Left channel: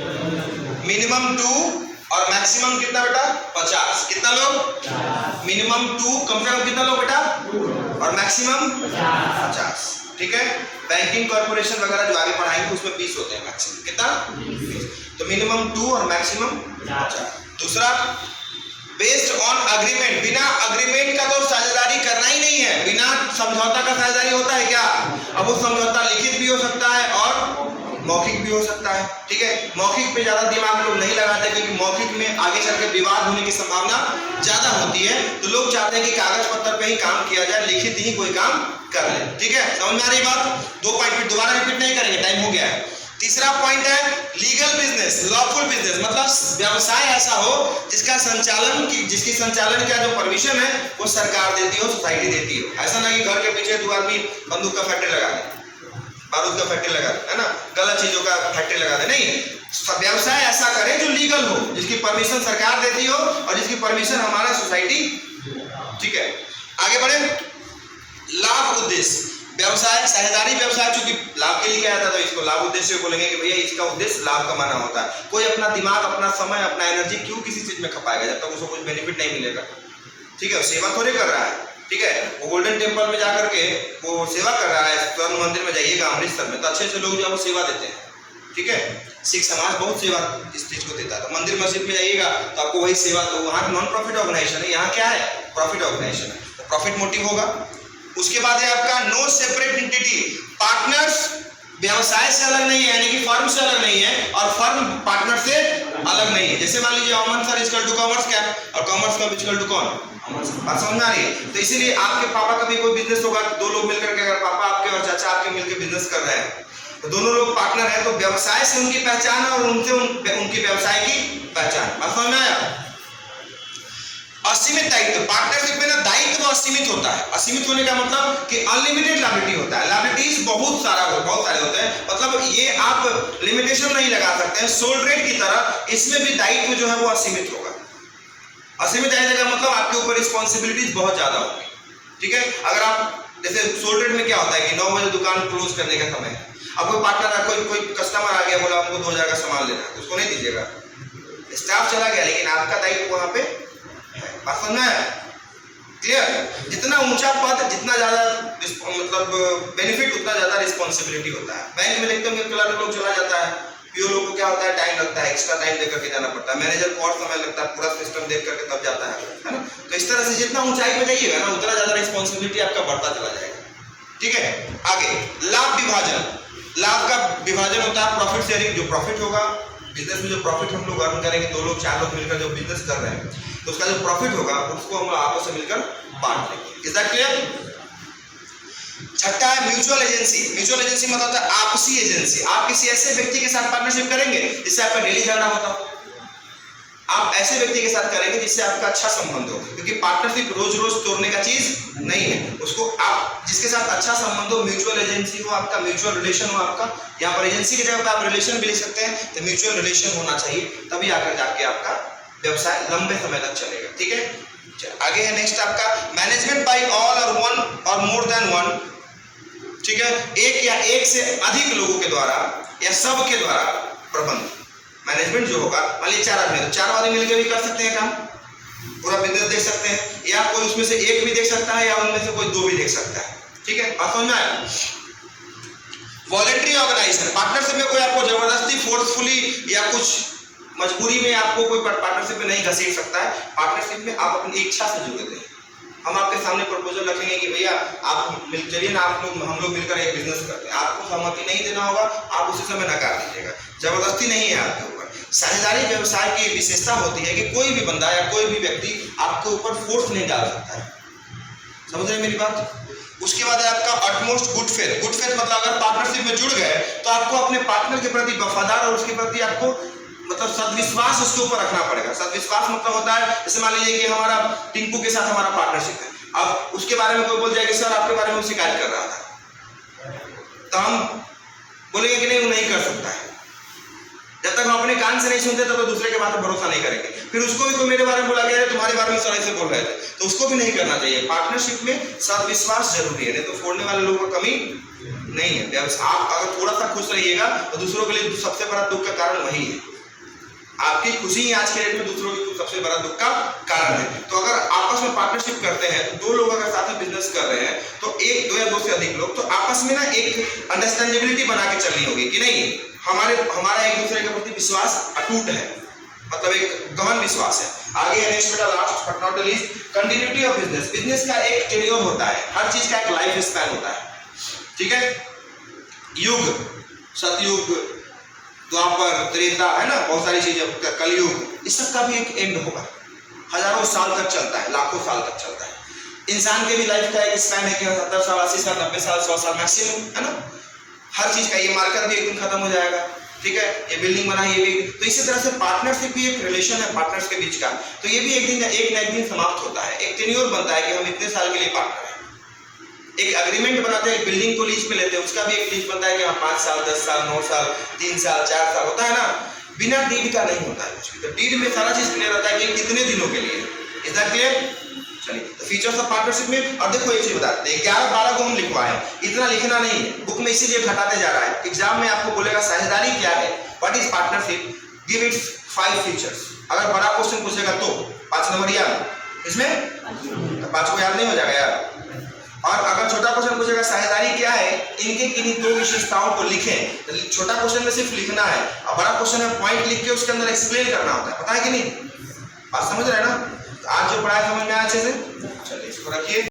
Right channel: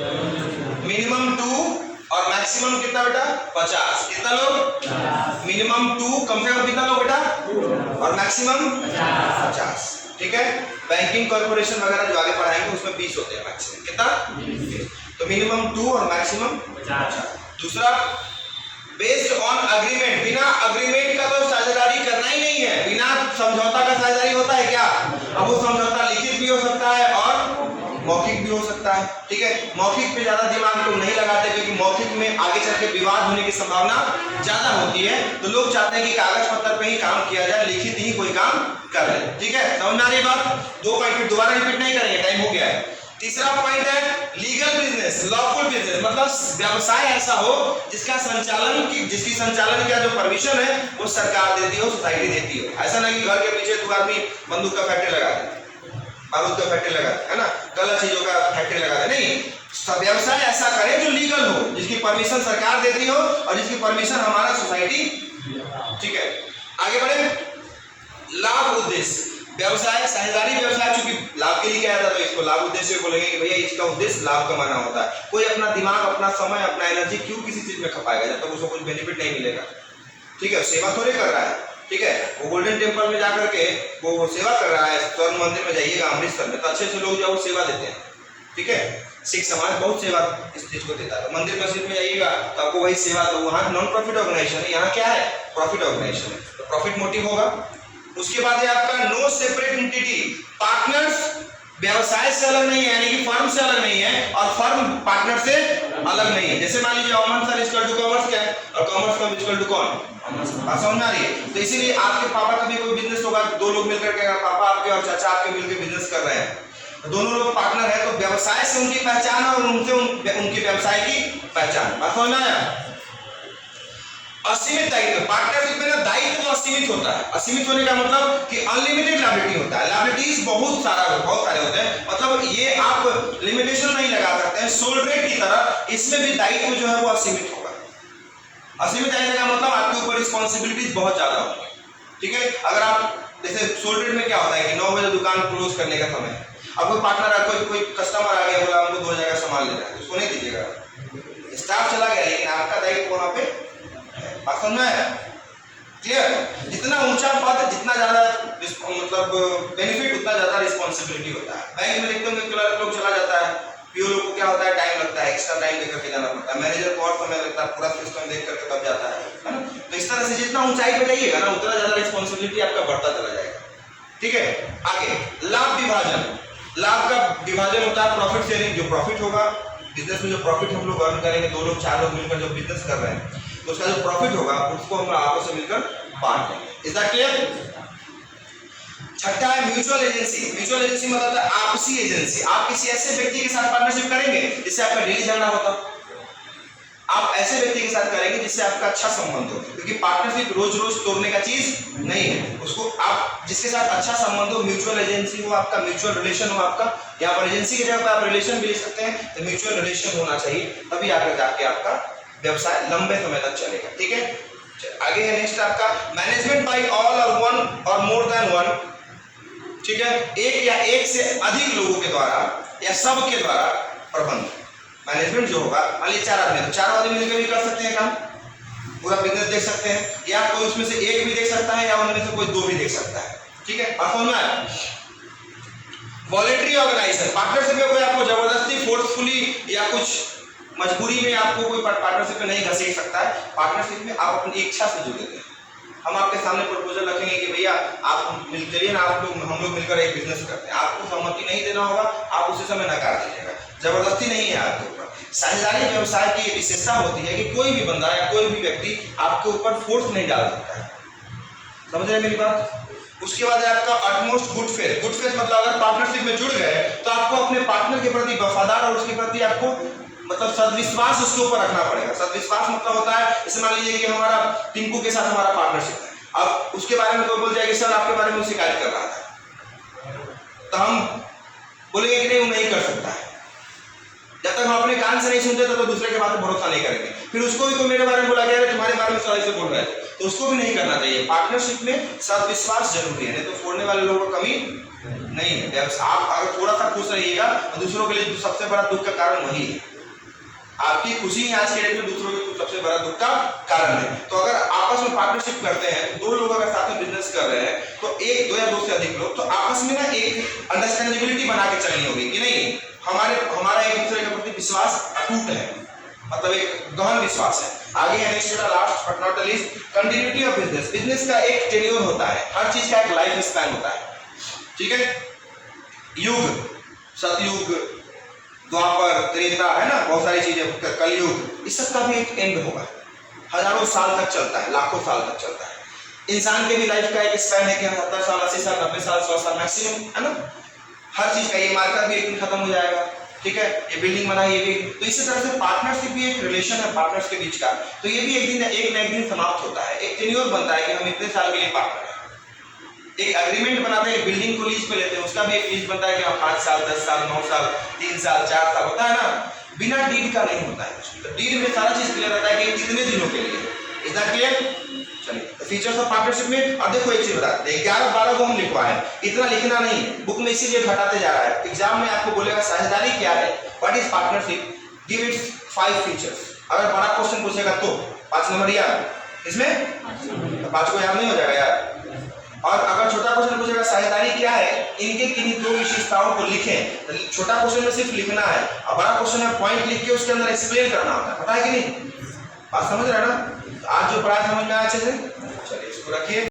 Minimum 2 और maximum कितना बेटा 50। कितना लोग? मिनिमम 2, कम से कम कितना लोग बेटा? और मैक्सिमम 50। ठीक है। बैंकिंग कॉर्पोरेशन वगैरह जो आगे पढ़ाएंगे उसमें 20 होते हैं मैक्सिमम। कितना? 20। तो मिनिमम 2 और मैक्सिमम 50। दूसरा, बेस्ड ऑन अग्रीमेंट, बिना अग्रीमेंट का तो साझेदारी करना ही नहीं है। बिना समझौता का साझेदारी होता है क्या? अब वो समझौता लिखित भी हो सकता है और मौखिक भी हो सकता है। ठीक है। मौखिक पे ज्यादा दिमाग लोग नहीं लगाते क्योंकि मौखिक में आगे चल के विवाद होने की संभावना ज्यादा होती है, तो लोग चाहते हैं कि कागज पत्तर पे ही काम किया जाए, लिखित ही कोई काम कर ले। ठीक है, समझ में आ रही बात? 2 पॉइंट फिर दोबारा रिपीट नहीं करेंगे, टाइम हो गया है। तीसरा पॉइंट है लीगल बिजनेस, लॉफुल बिजनेस, मतलब व्यवसाय ऐसा हो जिसका संचालन की जिसकी संचालन का जो परमिशन है वो सरकार देती हो, सोसाइटी देती हो। ऐसा नहीं कि घर के पीछे 2 आदमी बंदूक का फैक्ट्री लगा दे, बारूद का फैक्ट्री लगा दे, है ना, गलत चीजों का फैक्ट्री लगा दे। नहीं, व्यवसाय ऐसा करें जो लीगल हो, जिसकी परमिशन सरकार देती हो और जिसकी परमिशन हमारा सोसाइटी। ठीक है, आगे बढ़े। लाभ उद्देश्य व्यवसाय, साझेदारी व्यवसाय चूंकि लाभ के लिए किया जाता है तो इसको लाभ उद्देश्य बोलेंगे कि भैया इसका उद्देश्य लाभ कमाना होता है। कोई अपना दिमाग, अपना समय, अपना एनर्जी क्यों किसी चीज में खपाएगा जब तक उसको कुछ बेनिफिट नहीं मिलेगा। ठीक है, सेवा थोड़े कर रहा है। ठीक है, वो गोल्डन टेम्पल में जाकर के वो सेवा कर रहा है। स्वर्ण मंदिर में जाइएगा अमृतसर में तो अच्छे अच्छे लोग जो है वो सेवा देते हैं। ठीक है, सिख समाज बहुत सेवा इस चीज को देता है। तो मंदिर मस्जिद में जाइएगा तो आपको वही सेवा, तो वहाँ नॉन प्रॉफिट ऑर्गेनाइजेशन है, यहाँ क्या है? प्रॉफिट ऑर्गेनाइजेशन है, तो प्रॉफिट मोटिव होगा। उसके बाद है आपका नो सेपरेट एंटिटी, पार्टनर्स व्यवसाय से अलग नहीं है, यानी कि फर्म से अलग नहीं है और फर्म पार्टनर से अलग नहीं है। जैसे मान लीजिए अमन सर इक्वल टू कॉमर्स क्या है और कॉमर्स का इक्वल टू कौन? बात समझ आ रही है? तो इसीलिए आपके पापा का भी कोई बिजनेस होगा, 2 लोग मिलकर के, अगर पापा आपके और चाचा आपके मिलकर बिजनेस कर रहे हैं तो दोनों लोग पार्टनर है, तो व्यवसाय से उनकी पहचान है और उनसे उनकी व्यवसाय की पहचान। बात समझ में आया? असीमित दायित्व, पार्टनरशिप में ना दायित्व असीमित होता है। असीमित होने का मतलब कि अनलिमिटेड लायबिलिटी होता है। लायबिलिटीज बहुत सारे होते हैं, मतलब ये आप लिमिटेशन नहीं लगा सकते हैं। सोल ट्रेड की तरह इसमें भी दायित्व जो है वो असीमित होगा। असीमित दायित्व का मतलब आपके ऊपर रिस्पॉन्सिबिलिटीज बहुत ज्यादा होगी। ठीक है, अगर आप जैसे सोल ट्रेड में क्या होता है कि 9 बजे दुकान क्लोज करने का समय है, अब कोई पार्टनर, कोई कस्टमर आ गया, बोला हमको 2000 का सामान लेना है, तो उसको नहीं दीजिएगा, स्टाफ चला गया, लेकिन आपका दायित्व वहां पे है। बात समझ में आया? क्लियर? जितना ऊंचा पद, जितना ज्यादा मतलब बेनिफिट, उतना ज्यादा रिस्पॉन्सिबिलिटी होता है। बैंक में देखते होंगे क्लर्क लोग चला जाता है, पीओ लोग को क्या होता है, टाइम लगता है, एक्स्ट्रा टाइम देकर के जाना पड़ता है, मैनेजर को और समय लगता है, पूरा सिस्टम देख करके तब जाता है ना। तो इस तरह से जितना ऊंचाई पे जाइएगा ना उतना ज्यादा रिस्पॉन्सिबिलिटी आपका बढ़ता चला जाएगा। ठीक है, आगे लाभ विभाजन, लाभ का विभाजन होता है प्रॉफिट शेयरिंग। जो प्रॉफिट होगा बिजनेस में, जो प्रॉफिट हम लोग अर्न करेंगे, 2 लोग 4 लोग मिलकर जो बिजनेस कर रहे हैं, तो उसका जो प्रॉफिट होगा उसको हम आपस में मिलकर बांट लेंगे। Is that clear? छठा है म्यूचुअल एजेंसी। म्यूचुअल एजेंसी मतलब है आपसी एजेंसी। आप किसी ऐसे व्यक्ति के साथ पार्टनरशिप करेंगे जिससे आपका डेली झगड़ा होता हो, आप ऐसे व्यक्ति के साथ करेंगे जिससे आपका अच्छा संबंध हो, क्योंकि पार्टनरशिप रोज रोज तोड़ने का चीज नहीं है। उसको आप जिसके साथ अच्छा संबंध हो, म्यूचुअल एजेंसी हो आपका, म्यूचुअल रिलेशन हो आपका। यहाँ पर एजेंसी की जगह पर आप रिलेशन भी लिख सकते हैं, तो म्यूचुअल रिलेशन होना चाहिए, तभी आकर जाके आपका व्यवसाय लंबे समय तक चलेगा। ठीक है, आगे है नेक्स्ट आपका मैनेजमेंट बाय ऑल और वन और मोर देन वन। ठीक है, एक या एक से अधिक लोगों के द्वारा या सब के द्वारा प्रबंध। मैनेजमेंट जो होगा, मान लीजिए 4 आदमी, तो 4 आदमी मिलकर भी कर सकते हैं काम, पूरा बिजनेस देख सकते हैं, या कोई उसमें से एक भी देख सकता है या उनमें से कोई 2 भी देख सकता है। ठीक है, बात समझ में आया? वॉलंटरी ऑर्गेनाइजेशन, पार्टनरशिप में कोई आपको जबरदस्ती, फोर्सफुली या कुछ मजबूरी में आपको कोई पार्टनरशिप में नहीं घसीट सकता है। पार्टनरशिप में आप अपनी इच्छा से जुड़े थे। हम आपके सामने प्रपोजल रखेंगे कि भैया आप चलिए ना, हम लोग मिलकर एक बिजनेस करते हैं, आपको सहमति नहीं देना होगा, आप उसी समय नकार दीजिएगा, जबरदस्ती नहीं है आपके ऊपर। साझेदारी व्यवसाय की विशेषता होती है कि कोई भी बंदा या कोई भी व्यक्ति आपके ऊपर फोर्स नहीं डाल सकता है। समझ रहे हैं मेरी बात? उसके बाद है आपका utmost good faith. Good faith मतलब अगर पार्टनरशिप में जुड़ गए तो आपको अपने पार्टनर के प्रति वफादार और उसके प्रति आपको मतलब सदविश्वास उसके ऊपर रखना पड़ेगा। सदविश्वास मतलब होता है, जैसे मान लीजिए कि हमारा टिंकू के साथ हमारा पार्टनरशिप है, अब उसके बारे में कोई बोल जाएगा सर आपके बारे में शिकायत कर रहा था, तो हम बोलेंगे कि नहीं वो नहीं कर सकता है। जब तक हम अपने कान से नहीं सुनते तब तो दूसरे के बात पर भरोसा नहीं करेंगे। फिर उसको भी कोई मेरे बारे में बोला गया है, तुम्हारे बारे में सर ऐसे बोल रहे थे, तो उसको भी नहीं करना चाहिए। पार्टनरशिप में सदविश्वास जरूरी है, नहीं तो फोड़ने वाले लोगों को कमी नहीं है। व्यवसाय आप अगर थोड़ा सा खुश रहिएगा तो दूसरों के लिए सबसे बड़ा दुख का कारण वही है। आपकी खुशी ही आज के डेट में दूसरों के सबसे बड़ा दुख का कारण है। तो अगर आपस में पार्टनरशिप करते हैं, दो लोग अगर साथ में बिजनेस कर रहे हैं तो एक, दो या दो से अधिक लोग, तो आपस में ना एक अंडरस्टैंडेबिलिटी बना के चलनी होगी कि नहीं हमारा एक दूसरे के प्रति विश्वास अटूट है, मतलब एक गहन विश्वास है। आगे है नेक्स्ट बेटा, last but not least, continuity of business. Business का एक टेन्योर होता है, हर चीज का एक लाइफ स्पैन होता है, ठीक है। युग, सतयुग, द्वापर, त्रेता, है ना, बहुत सारी चीजें, कलयुग, इस सब का भी एक एंड होगा। हजारों साल तक चलता है, लाखों साल तक चलता है। इंसान के भी लाइफ का एक स्पैन है कि 70 साल, 80 साल, 90 साल, 100 साल मैक्सिमम, है ना। हर चीज का, ये मार्केट भी एक दिन खत्म हो जाएगा, ठीक है। ये बिल्डिंग बना, ये भी, तो इसी तरह से पार्टनरशिप भी एक रिलेशन है पार्टनर्स के बीच का, तो ये भी एक ना एक दिन समाप्त होता है। एक टेन्योर बनता है कि हम इतने साल के लिए पार्टनर हैं। एक एग्रीमेंट बनाते हैं, बिल्डिंग को लीज पे लेते हैं, उसका भी एक लीज बनता है कि 5 साल, 10 साल, 9 साल, 3 साल, 4 साल होता है ना। बिना डीड का नहीं होता है कुछ भी। तो डीड में सारा चीज क्लियर रहता है कि कितने दिनों के लिए। Is that clear? चलिए, तो फीचर्स ऑफ पार्टनरशिप में अब देखो एक चीज बताते हैं, 11-12 को हम लिखवा है, इतना लिखना नहीं है बुक में, इसीलिए घटाते जा रहा है। एग्जाम में आपको बोलेगा साझेदारी क्या है, what is partnership, give its 5 features. अगर बड़ा क्वेश्चन पूछेगा तो 5 नंबर याद, इसमें तो 5 को याद नहीं हो जाएगा यार। और अगर छोटा क्वेश्चन पूछेगा साझेदारी क्या है, इनके किन्हीं 2 विशेषताओं को लिखें, तो छोटा क्वेश्चन में सिर्फ लिखना है, और बड़ा क्वेश्चन है पॉइंट लिख के उसके अंदर एक्सप्लेन करना होता है, पता है कि नहीं? बात समझ रहे हैं ना? आज जो पढ़ाई समझ में आया अच्छे से? चलिए इसको रखिए।